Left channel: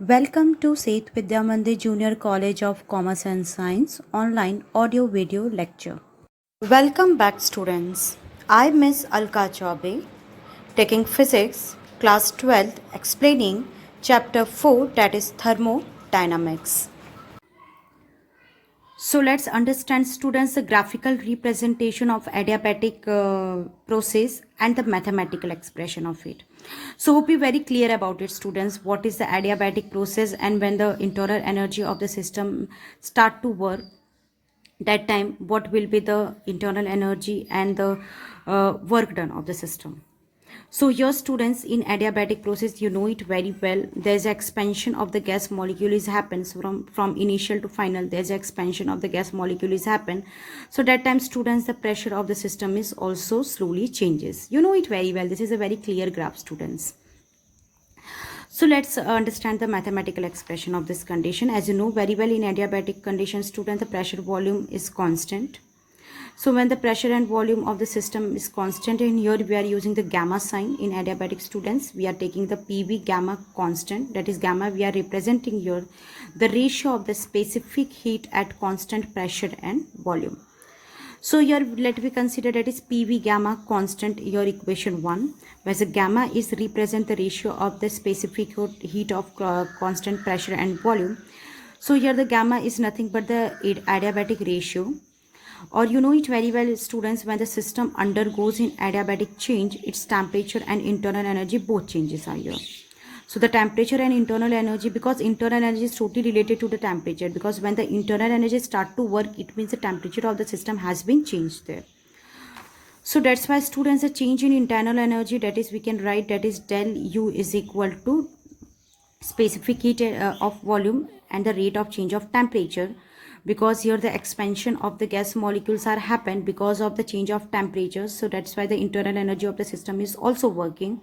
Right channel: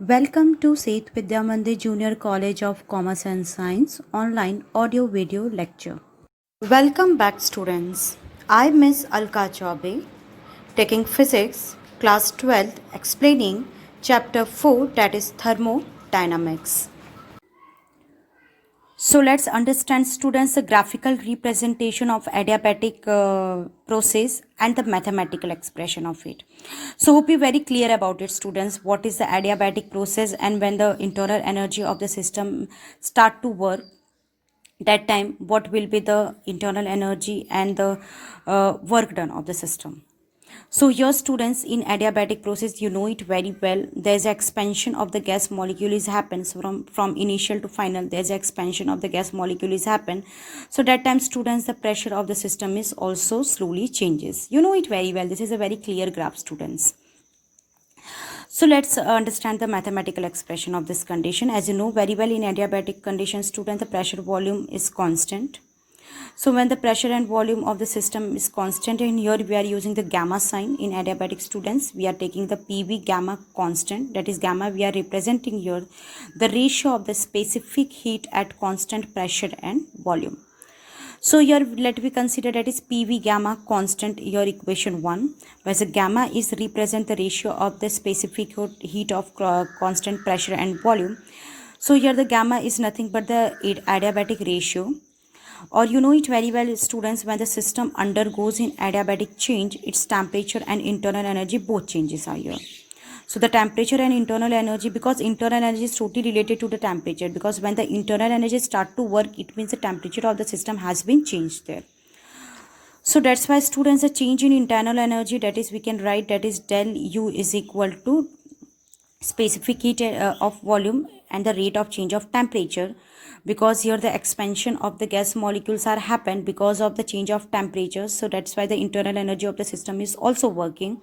Welcome to Seth Vidya Mandir Junior College of Commerce and Science online audio video lecture. Welcome back students. I Miss Alka Chaube taking physics class 12th explaining chapter 4 that is thermodynamics. So let's understand students the graphical representation of adiabatic process and the mathematical expression of it. So hope you're very clear about it students, what is the adiabatic process and when the internal energy of the system start to work, that time what will be the internal energy and the work done of the system. So here students, in adiabatic process, you know it very well. There's expansion of the gas molecule is happens from initial to final. There's expansion of the gas molecule is happen. So that time students, the pressure of the system is also slowly changes. You know it very well. This is a very clear graph students. So let's understand the mathematical expression of this condition. As you know very well, in adiabatic condition student, the pressure volume is constant. So when the pressure and volume of the system is constant, and here we are using the gamma sign in adiabatic students, we are taking the PV gamma constant, that is gamma we are representing here the ratio of the specific heat at constant pressure and volume. So here let me consider that is PV gamma constant, your equation 1, whereas the gamma is represent the ratio of the specific heat of constant pressure and volume. So here the gamma is nothing but the adiabatic ratio. Or you know it very well students, when the system undergoes in adiabatic change, its temperature and internal energy both changes are here. So the temperature and internal energy, because internal energy is totally related to the temperature, because when the internal energy start to work, it means the temperature of the system has been changed there. So that's why students, the change in internal energy, that is we can write that is del U is equal to specific heat of volume and the rate of change of temperature, because here the expansion of the gas molecules are happened because of the change of temperature. So that's why the internal energy of the system is also working.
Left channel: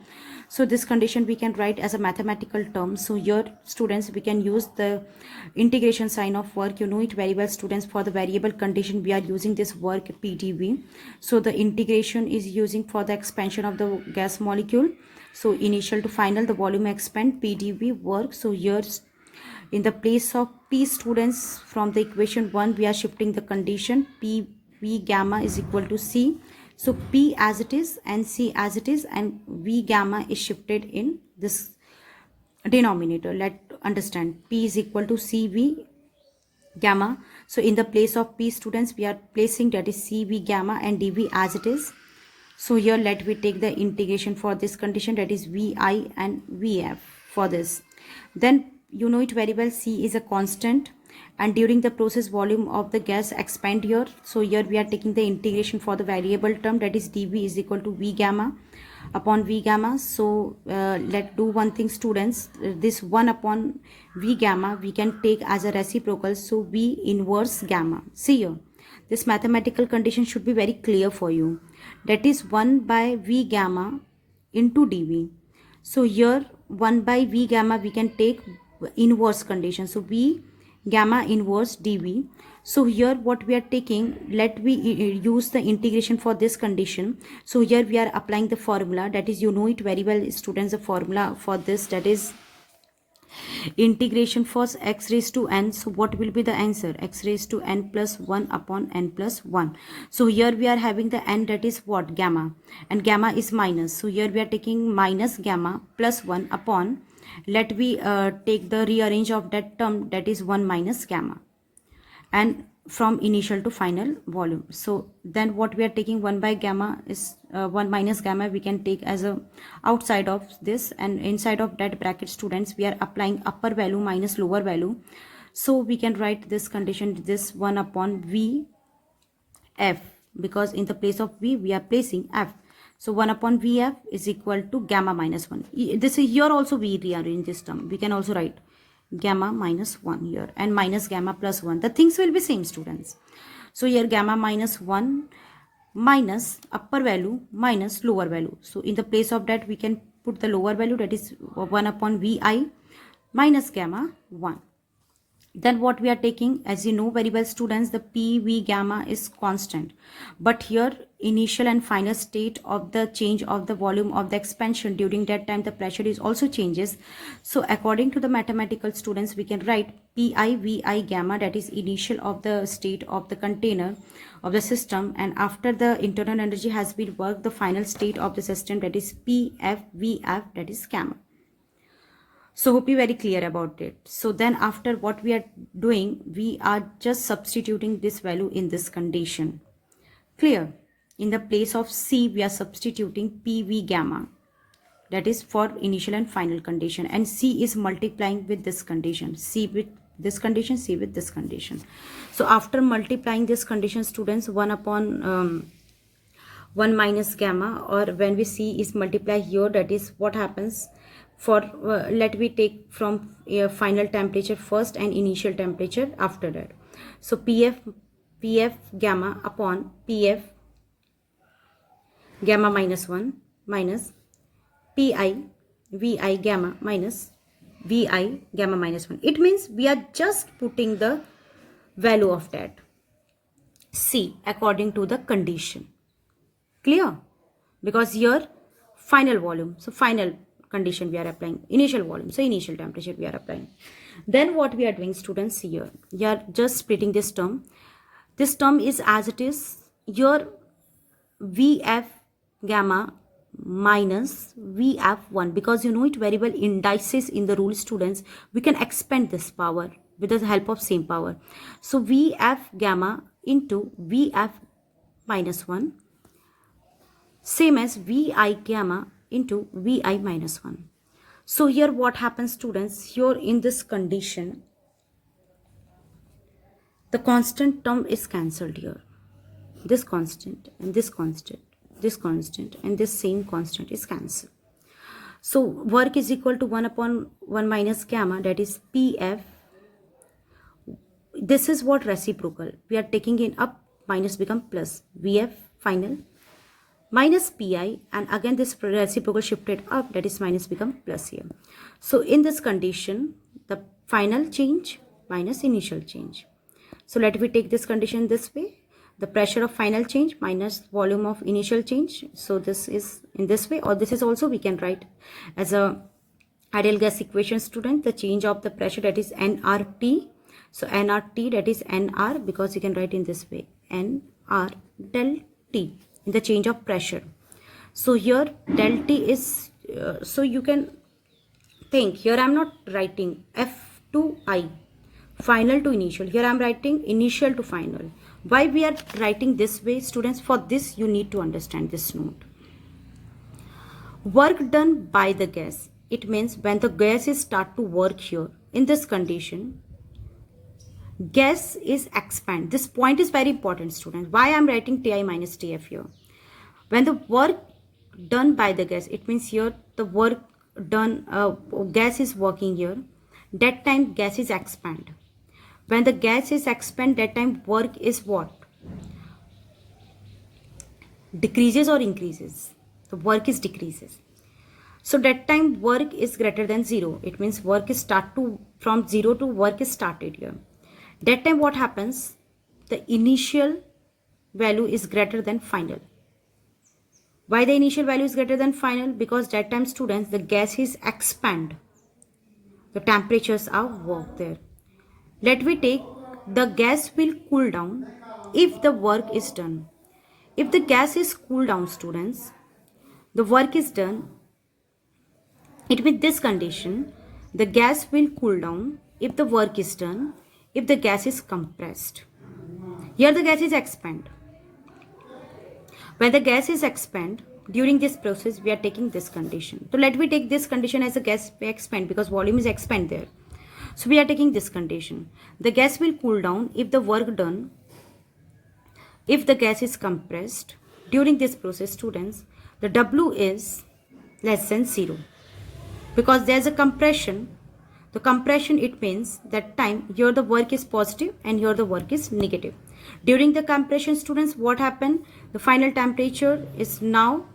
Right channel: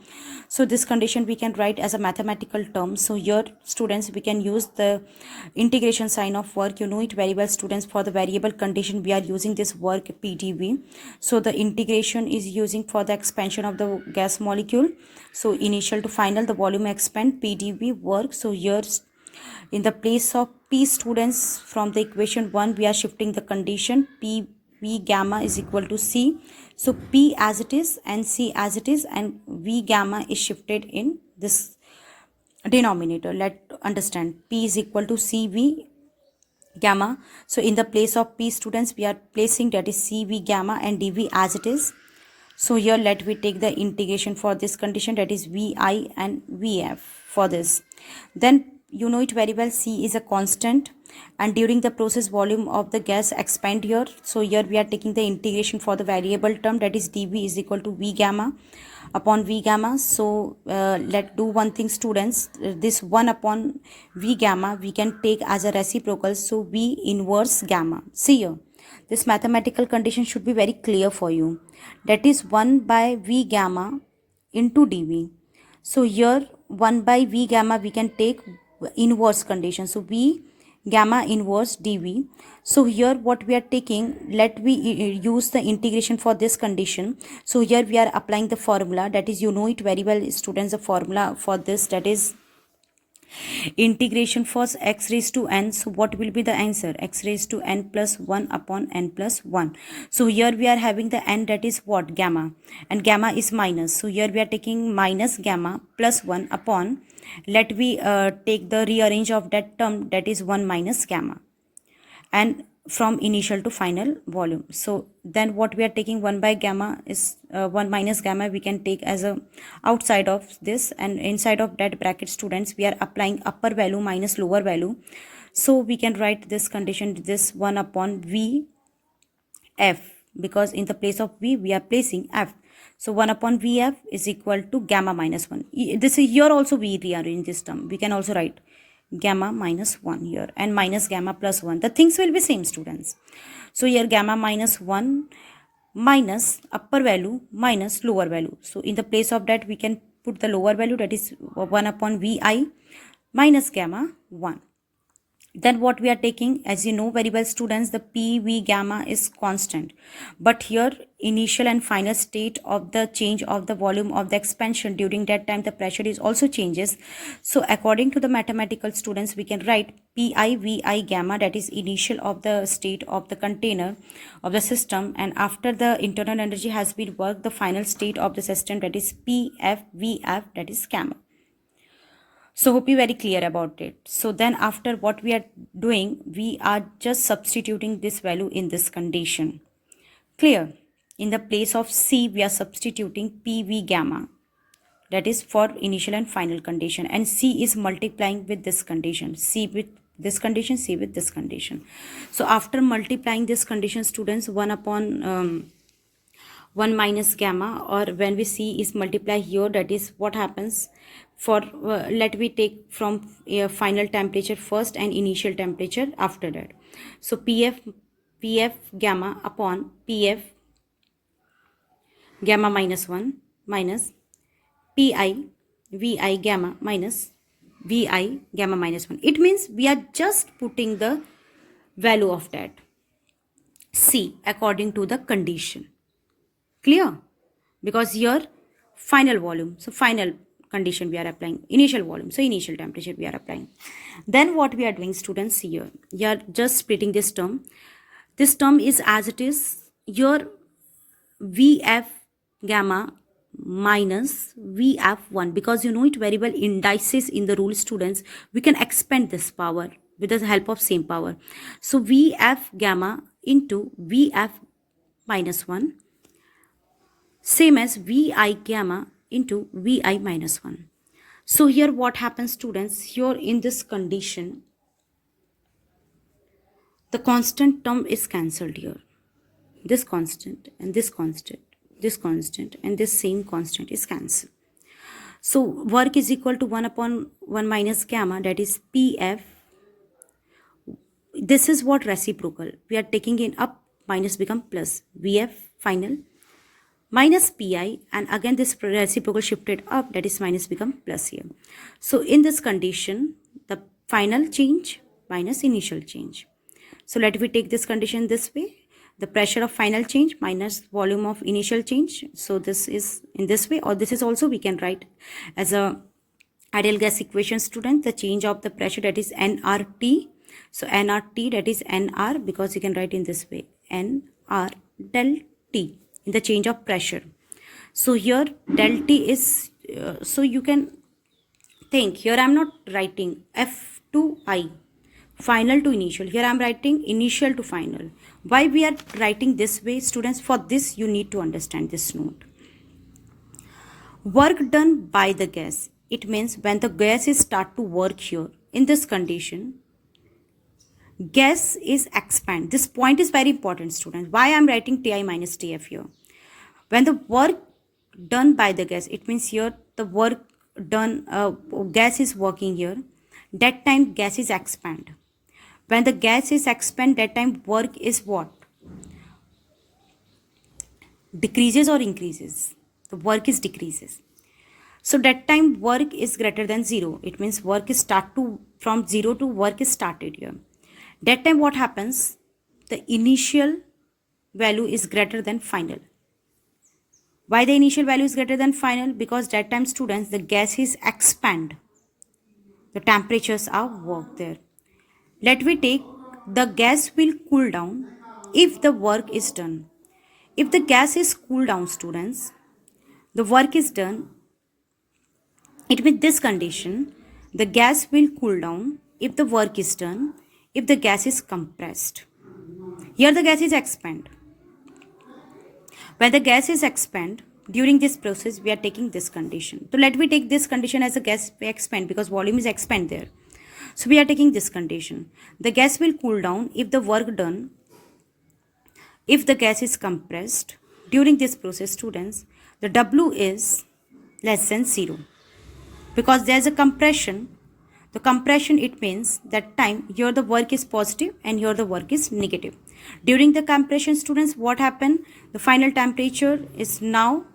So this condition we can write as a mathematical term. So here students, we can use the integration sign of work. You know it very well students, for the variable condition we are using this work PdV. So the integration is using for the expansion of the gas molecule. So initial to final, the volume expand, PdV work. So here in the place of P students, from the equation 1 we are shifting the condition PV gamma is equal to C. So P as it is and C as it is, and V gamma is shifted in this denominator. Let's understand P is equal to CV gamma. So in the place of P students, we are placing that is CV gamma and dV as it is. So here let we take the integration for this condition, that is VI and VF for this. Then you know it very well, C is a constant and during the process volume of the gas expand here. So here we are taking the integration for the variable term, that is dV is equal to V gamma upon V gamma. So let's do one thing students, this 1 upon V gamma we can take as a reciprocal, so V inverse gamma. See here, this mathematical condition should be very clear for you, that is 1 by V gamma into dV. So here 1 by V gamma we can take inverse condition, so V gamma inverse dV. So here what we are taking, let we use the integration for this condition. So here we are applying the formula, that is you know it very well students, the formula for this, that is integration for x raised to n. So what will be the answer? X raised to n plus 1 upon n plus 1. So here we are having the n, that is what? Gamma, and gamma is minus. So here we are taking minus gamma plus 1 upon, let we take the rearrange of that term, that is 1 minus gamma, and from initial to final volume. So then what we are taking 1 by gamma is 1 minus gamma we can take as a outside of this, and inside of that bracket students we are applying upper value minus lower value. So we can write this condition, this 1 upon V F, because in the place of V we are placing F. So 1 upon Vf is equal to gamma minus 1. This is here also we rearrange this term, we can also write gamma minus 1 here and minus gamma plus 1. The things will be same students. So here gamma minus 1 minus upper value minus lower value. So in the place of that we can put the lower value, that is 1 upon Vi minus gamma 1. Then what we are taking, as you know very well students, the PV gamma is constant, but here initial and final state of the change of the volume of the expansion, during that time the pressure is also changes. So according to the mathematical students, we can write Pi Vi gamma, that is initial of the state of the container of the system, and after the internal energy has been worked, the final state of the system, that is Pf Vf, that is gamma. So hope you very clear about it. So then after what we are doing, we are just substituting this value in this condition. Clear? In the place of C, we are substituting PV gamma. That is for initial and final condition. And C is multiplying with this condition. C with this condition, C with this condition. So after multiplying this condition, students, 1 upon 1 minus gamma, or when we C is multiplied here, that is what happens. For let me take from final temperature first and initial temperature after that. So pf gamma upon pf gamma minus 1 minus pi vi gamma minus vi gamma minus 1. It means we are just putting the value of that C according to the condition. Clear? Because here final volume, so final condition we are applying, initial volume, so initial temperature we are applying. Then what we are doing, students, here we are just splitting this term. This term is as it is, your Vf gamma minus Vf1, because you know it very well, indices in the rule, students, we can expand this power with the help of same power. So Vf gamma into Vf minus 1, same as Vi gamma into Vi minus 1. So here what happens, students, here in this condition, the constant term is cancelled here. This constant and this constant, this constant and this same constant is cancelled. So work is equal to 1 upon 1 minus gamma, that is Pf. This is what reciprocal. We are taking it up, minus become plus. Vf final minus pi, and again this reciprocal shifted up, that is minus become plus here. So in this condition, the final change minus initial change. So let me take this condition this way. The pressure of final change minus volume of initial change. So this is in this way, or this is also we can write as a ideal gas equation, student, the change of the pressure, that is nRT. So nRT, that is nR, because you can write in this way, nR del T, in the change of pressure. So here del T is, so you can think, here I am not writing F to I, final to initial. Here I am writing initial to final. Why we are writing this way, students? For this you need to understand this note. Work done by the gas. It means when the gas is start to work here, in this condition, gas is expand. This point is very important, students. Why I am writing Ti minus Tf here? When the work done by the gas, it means here the work done, gas is working here, that time gas is expand. When the gas is expand, that time work is what? Decreases or increases? The work is decreases. So that time work is greater than 0. It means work is start to, from 0 to work is started here. That time what happens? The initial value is greater than final. Why the initial value is greater than final? Because that time, students, the gas is expand. The temperatures are worked there. Let me take, the gas will cool down if the work is done. If the gas is cooled down, students, the work is done. It means this condition, the gas will cool down if the work is done, if the gas is compressed. Here the gas is expand. When the gas is expand, during this process we are taking this condition. So let me take this condition as a gas expand, because volume is expand there. So we are taking this condition. The gas will cool down if the work done, if the gas is compressed. During this process, students, the W is less than 0. Because there is a compression. The compression, it means that time here the work is positive and here the work is negative. During the compression, students, what happened? The final temperature is now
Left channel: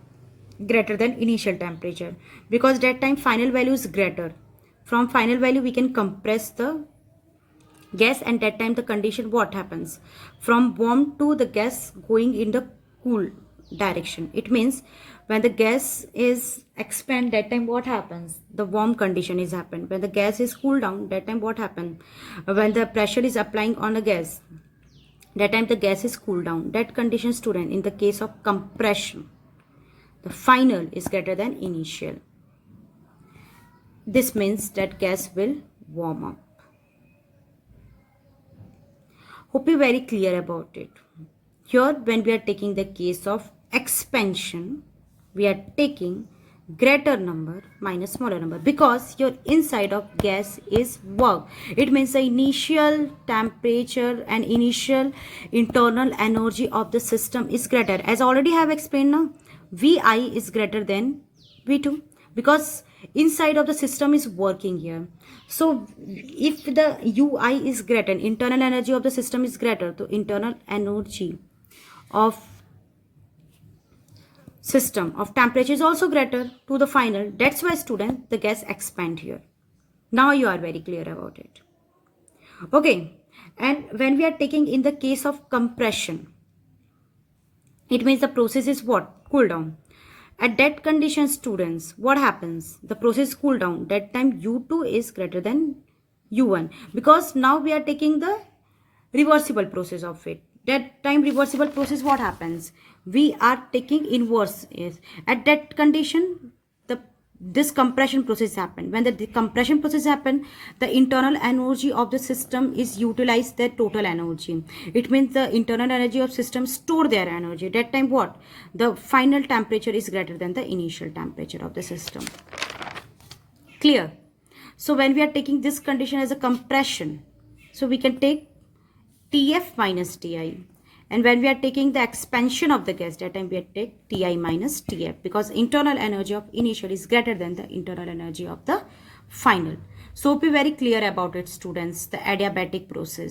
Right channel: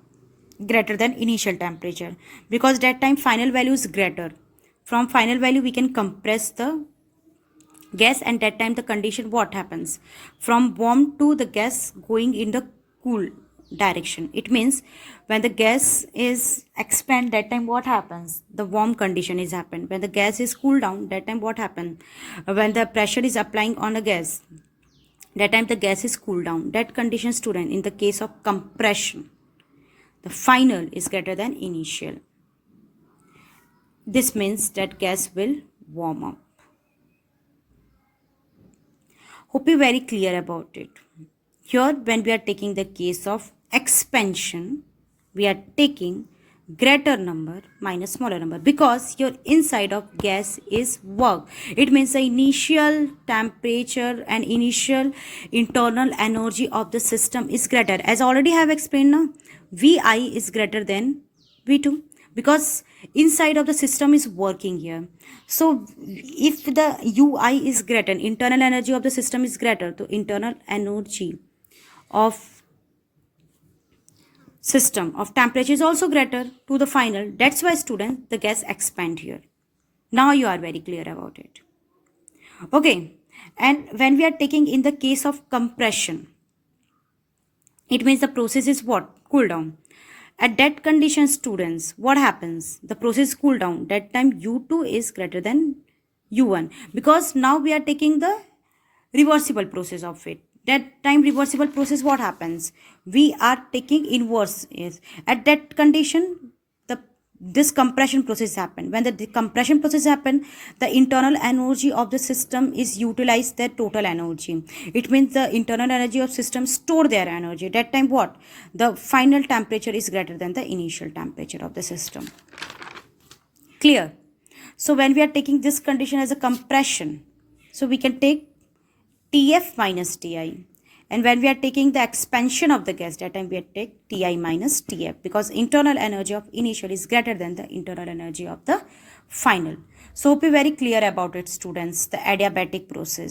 greater than initial temperature, because that time final value is greater. From final value we can compress the gas, and that time the condition what happens, from warm to the gas going in the cool direction. It means when the gas is expand, that time what happens, the warm condition is happened. When the gas is cool down, that time what happen, when the pressure is applying on a gas, that time the gas is cool down. That condition, student, in the case of compression, the final is greater than initial. This means that gas will warm up. Hope you very clear about it. Here, when we are taking the case of expansion, we are taking greater number minus smaller number, because your inside of gas is work. It means the initial temperature and initial internal energy of the system is greater. As already have explained now, Vi is greater than V2, because inside of the system is working here. So if the Ui is greater, internal energy of the system is greater, so internal energy of system of temperature is also greater to the final. That's why, student, the gas expand here. Now you are very clear about it. Okay, and when we are taking in the case of compression, it means the process is what? Cool down. At that condition, students, what happens? The process cool down. That time U2 is greater than U1, because now we are taking the reversible process of it. That time reversible process, what happens? We are taking inverse. Is at that condition, this compression process happen. When the compression process happen, the internal energy of the system is utilized their total energy. It means the internal energy of system store their energy. That time what? The final temperature is greater than the initial temperature of the system. Clear? So when we are taking this condition as a compression, so we can take Tf minus Ti. And when we are taking the expansion of the gas, that time we take Ti minus Tf, because internal energy of initial is greater than the internal energy of the final. So hope you very clear about it, students, the adiabatic process.